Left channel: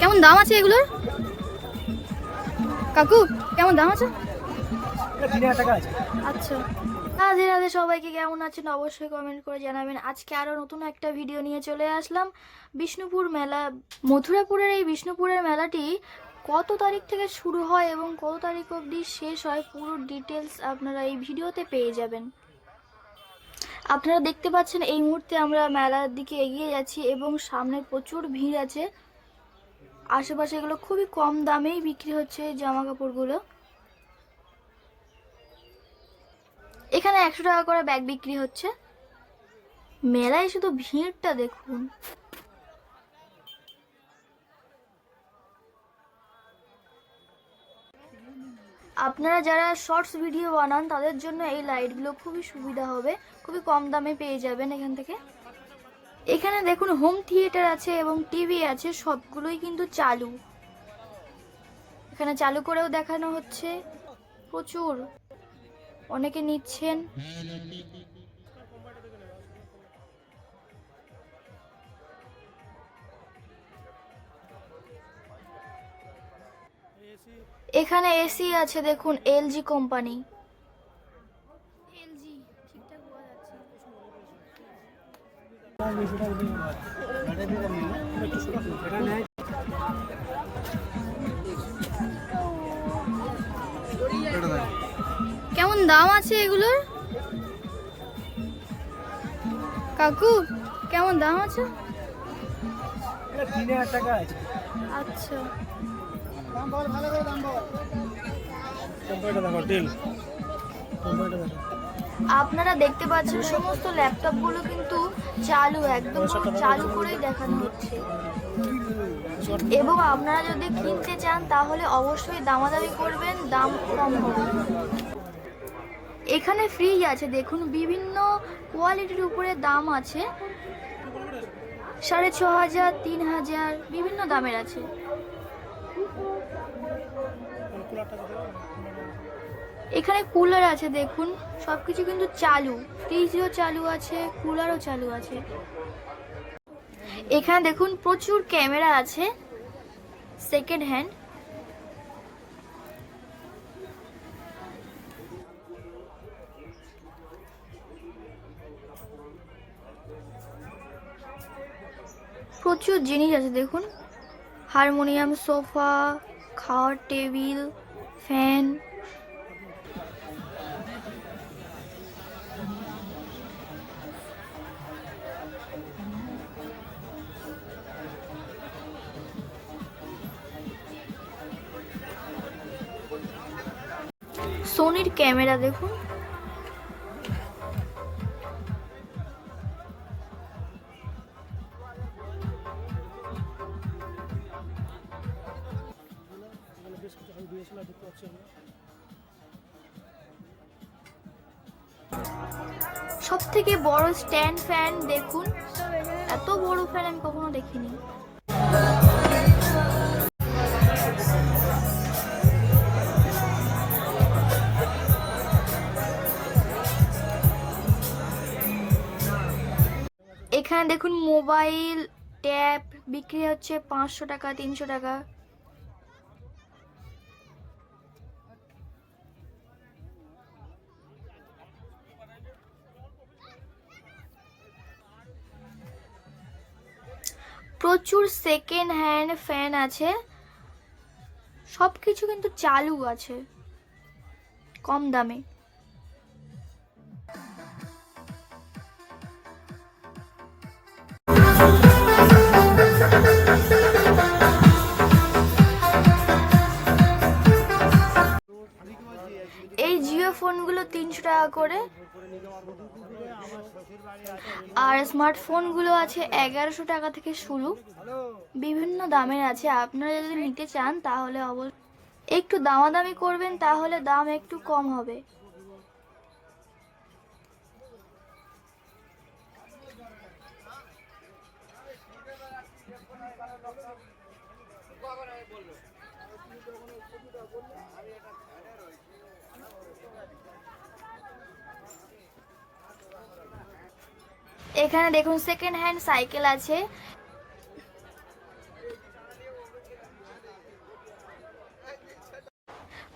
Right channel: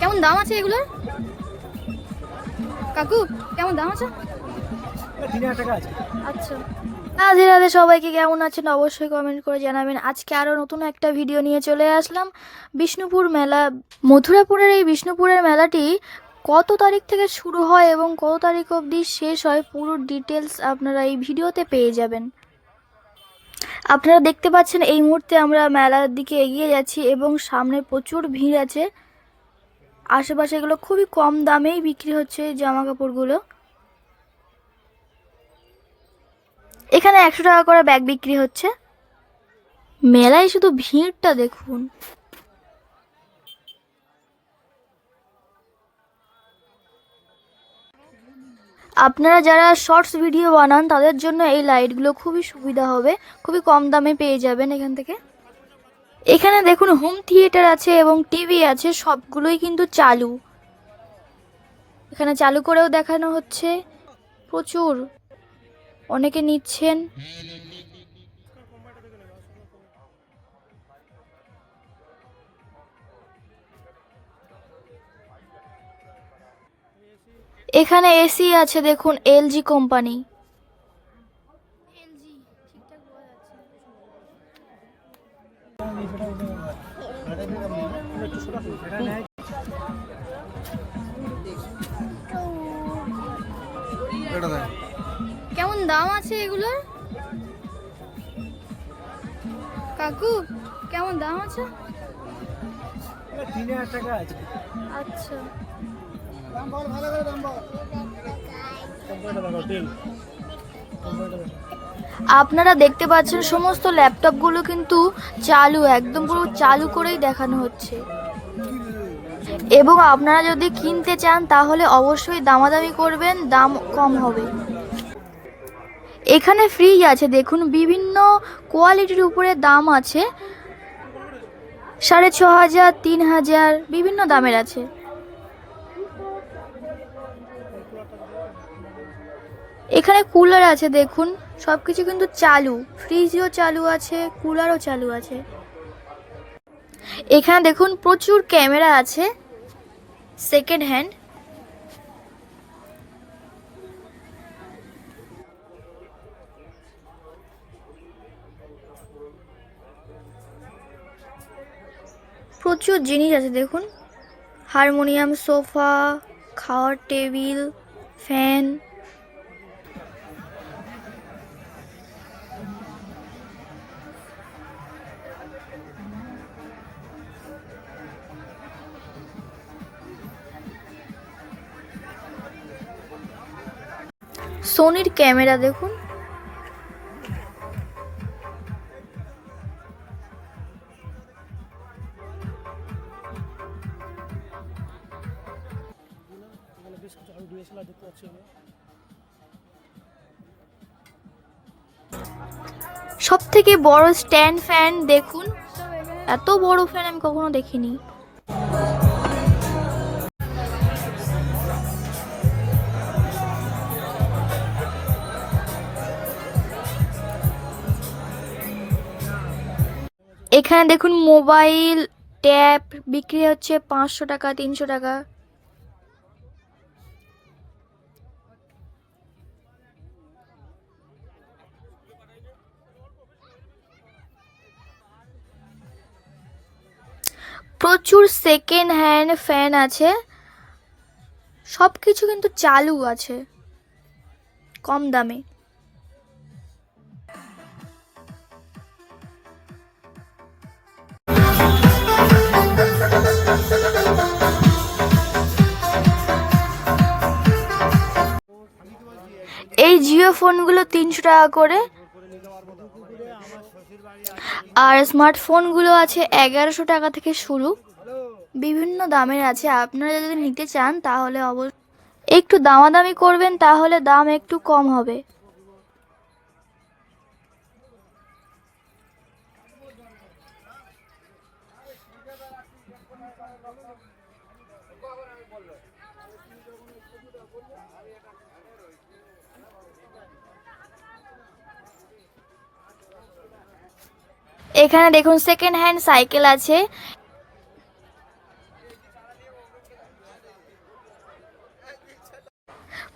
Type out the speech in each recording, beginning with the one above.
কেমন দাম আছে এগুলোর? কাকু, কেমন দাম আছে? আচ্ছা। রাধে রাধে সবাইকে কেমন আছেন অবশ্যই কমেন্ট করে জানাবেন। আজকে আরও নতুন একটা ভিডিও নিয়ে চলে আসলাম। বিষ্ণুপুর মেলা, মথুরাপুরের এই বিষ্ণুপুরের মেলাটি কত তারিখ থেকে শুরু হয় এবং কত তারিখ অবধি শেষ হয়, পুরো ডিটেলস আপনারা এই ভিডিওতে পেয়ে যাবেন। আপনারা দেখতে পাচ্ছেন এই মুহূর্তে আমরা মেলার দিকে এগিয়ে যাচ্ছি এবং সামনে প্রচুর ভিড় আছে। আশেপাশে এগুলো খুবই কম দামেই বিক্রি হচ্ছে জামা কাপড়গুলো এখানে একশো টাকা করে ব্যাগ বিক্রি হচ্ছে। মেলায় শুধু ভিড়টা দেখুন। আপনারা যারা শর্টস ভিডিও বানান, তাদের জন্য এই লাইটগুলো খুবই সুবিধা হবে। খুবই কম দামে পেয়ে যাবেন এখান থেকে। এখানে দেখুন হোম থিয়েটার আছে এবং টিভি আছে, সবগুলোই কিন্তু চালু। এখানে চালু করেও দেখানো হচ্ছে। প্রচুর। অনেকে নিচ্ছেন। এখানে এসি আছে দেখুন এলজি কোম্পানি। কেমন দাম আছে এগুলোর? কাকু কেমন দাম আছে। আচ্ছা। আপনারা দেখতে পাচ্ছেন সমস্ত ল্যাপটপগুলো কিন্তু চালু, একদম পুরো চালু করেই দেখানো হচ্ছে। এবং আপনারা যদি কিনতে চান, তাহলে অবশ্যই দামাদামি করবেন, দাম কম হবে। এখানে ফ্রিজ আছে, দেখুন, বিভিন্ন কোয়ালিটির উপরে দাম আছে। সাড়ে ছ হাজার তিন হাজার বিভিন্ন দামের আছে। এখানে কুলার আছে, দেখুন। সব কিছু কিন্তু চালু। ফ্রিজও চালু আছে কুলারও চালু আছে। এখানে দেখুন, প্রচুর ক্যামেরা আছে সেকেন্ড হ্যান্ড প্রচুর জিনিস আছে, দেখুন। হারমোনিয়াম, সোফা, খাওয়ার টেবিল ফ্যান সোনির ক্যামেরা দেখুন। সব থেকে বড় স্ট্যান্ড ফ্যান দেখুন। এত বড় ফ্যান আমি কখনো দেখিনি। এখানে দেখুন মোবাইল, ট্যাব, বিক্রি হচ্ছে পাঁচশো টাকা, তিনশো টাকা। প্রচুর সেকেন্ড হ্যান্ড ফ্যান আছে। সব কিছু কিন্তু চালু আছে, কম দামে। ফোনগুলো তিনশো টাকা করে। আর স্মার্টফোনগুলো আছে এগারোশো টাকা থেকে শুরু। বিভিন্ন দামের আছে। আপনারা যদি নিতে চান তাহলে অবশ্যই একটু দামাদামি করবেন, তাহলে দাম একটু কম হবে। এখানে দেখুন সেকেন্ড হ্যান্ড সাইকেল আছে।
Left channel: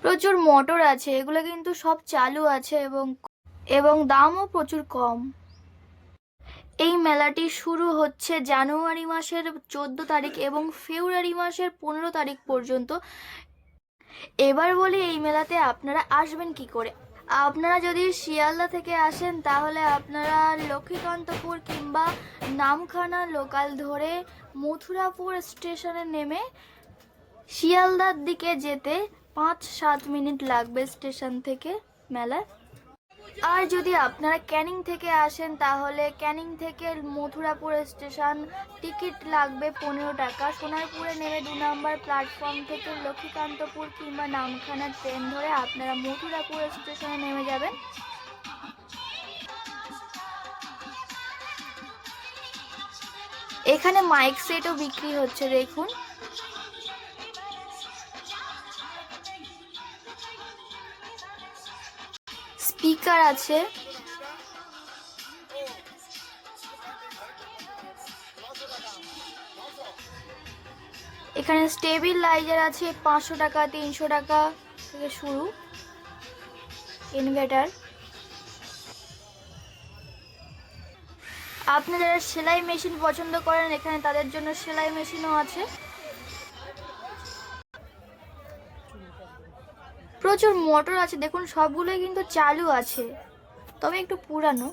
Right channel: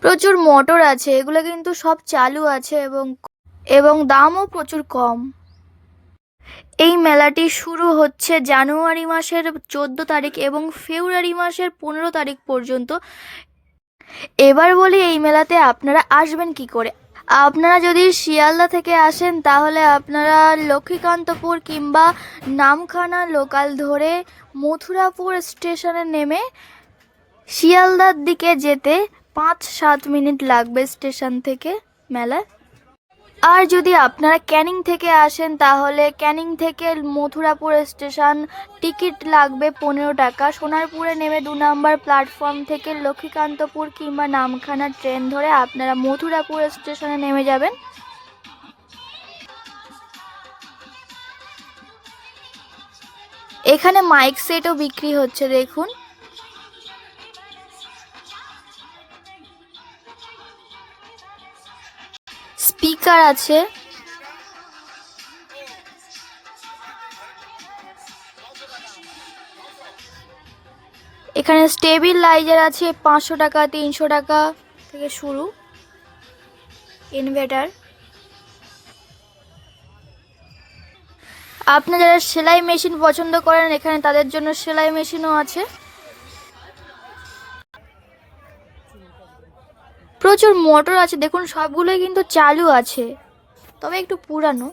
প্রচুর মোটর আছে, এগুলো কিন্তু সব চালু আছে এবং এবং দামও প্রচুর কম। এই মেলাটি শুরু হচ্ছে জানুয়ারি মাসের চোদ্দ তারিখ এবং ফেব্রুয়ারি মাসের পনেরো তারিখ পর্যন্ত। এবার বলি এই মেলাতে আপনারা আসবেন কি করে? আপনারা যদি শিয়ালদা থেকে আসেন, তাহলে আপনারা লক্ষ্মীকান্তপুর কিংবা নামখানা লোকাল ধরে মথুরাপুর স্টেশনে নেমে শিয়ালদার দিকে যেতে পাঁচ সাত মিনিট লাগবে স্টেশন থেকে মেলায়। আর যদি আপনারা ক্যানিং থেকে আসেন, তাহলে ক্যানিং থেকে মথুরাপুর স্টেশন টিকিট লাগবে পনেরো টাকা। সোনারপুরে নেমে দু নম্বর প্ল্যাটফর্ম থেকে লক্ষ্মীকান্তপুর কিংবা নামখানা ট্রেন ধরে আপনারা মথুরাপুর স্টেশনে নেমে যাবেন। এখানে মাইক সেটও বিক্রি হচ্ছে, দেখুন। স্পিকার আছে। এখানে স্টেবিলাইজার আছে পাঁচশো টাকা, তিনশো টাকা থেকে শুরু। ইনভার্টার। আপনি যারা সেলাই মেশিন পছন্দ করেন, এখানে তাদের জন্য সেলাই মেশিনও আছে। প্রচুর মোটর আছে দেখুন সবগুলোই কিন্তু চালু আছে তবে একটু পুরানো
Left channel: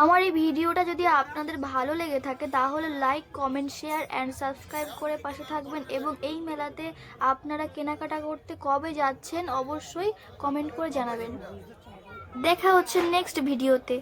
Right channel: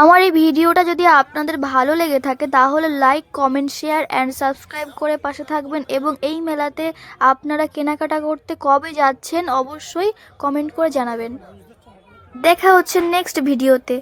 আমার এই ভিডিওটা যদি আপনাদের ভালো লেগে থাকে, তাহলে like comment share and subscribe করে পাশে থাকবেন এবং এই মেলাতে আপনারা কেনাকাটা করতে কবে যাচ্ছেন অবশ্যই কমেন্ট করে জানাবেন। দেখা হচ্ছে নেক্সট ভিডিওতে।